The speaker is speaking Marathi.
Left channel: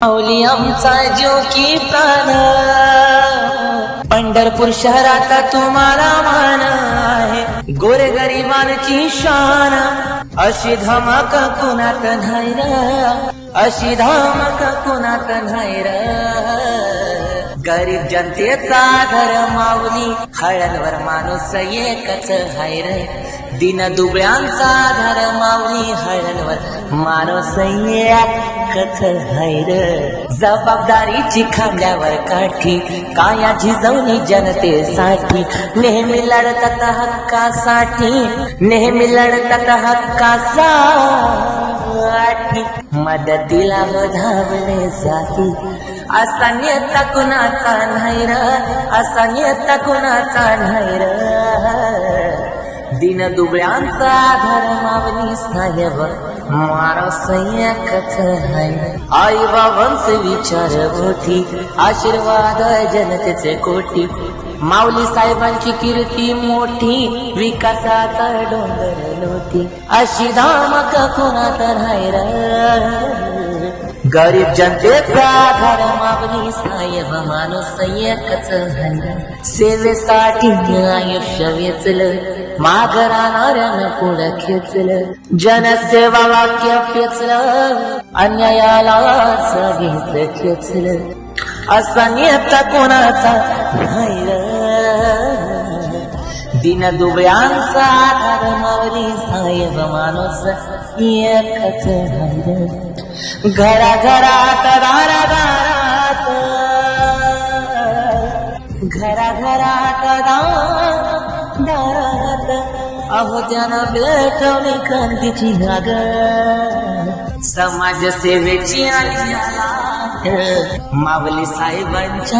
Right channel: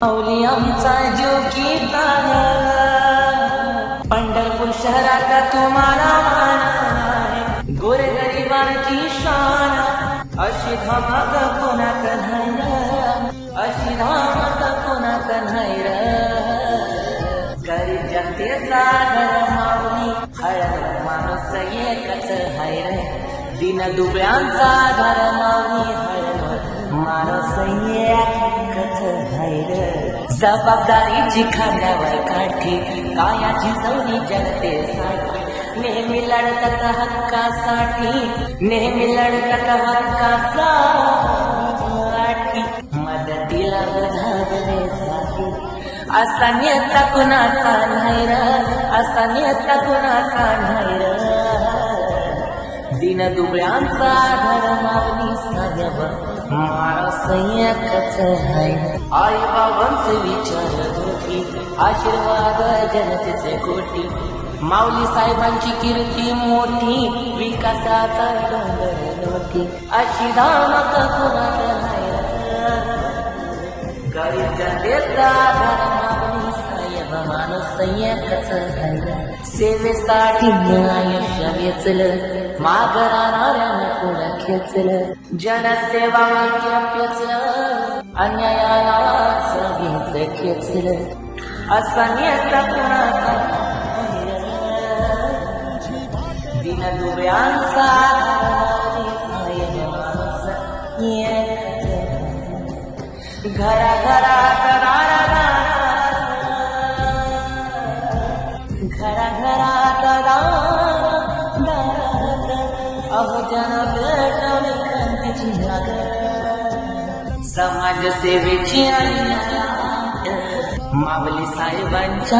माऊली आमचा जीव की प्राण, पंढरपूर शहरात तुम्हाला मान आहे. गोरगरिबांची शान, अशी धमाक कोणात नाही र, अशी धमाक कोणात नाही र. गरीब जनतेचा आधार माऊली, हळणवर माणूस एकच हाय रे. दिन दुबळ्यांचा आधार माऊली, हळणवर माणूस एकच हाय रे. जबाबदारीची खांद्यावर काठी, काया झिजवली जनतेसाठी. नेहमी लढतात हक्कासाठी, नेहमी लढतात हक्कासाठी. मदतीला धावले जाती, असा नेता कुणाचा नाही र, असा नेता कुणाचा नाही र. दिन दुबळ्यांचा आधार माऊली साहेब, माणूस एकच आहे. आई बाबांचे विचार मोठी, आशीर्वाद जनतेचे कोटी. माऊली साहेबांची कीर्ती मोठी, विकासाचा डोंगर लोटी. अशी धमक कोणात नाही र, गरीब जनतेचा आधार माऊली साहेब, माणूस एकच आहे. सेवेसाठी आयुष्य वेचलं, माग राहणाऱ्यानं पुढं खेचलं. जनसेवा वाक्य पेचलं, अन्यायाला सगळीच खेचलं. असा नेता कोणाचा नाही र, दिन दुबळ्यांचा आधार माऊली साहेब, माणूस एकच आहे. घराघरात दारादारात, घराघरात दारात, अहो त्यानं पेटवली क्रांतीची आग. समाजसेवेची आणि माऊली साहेबांच्या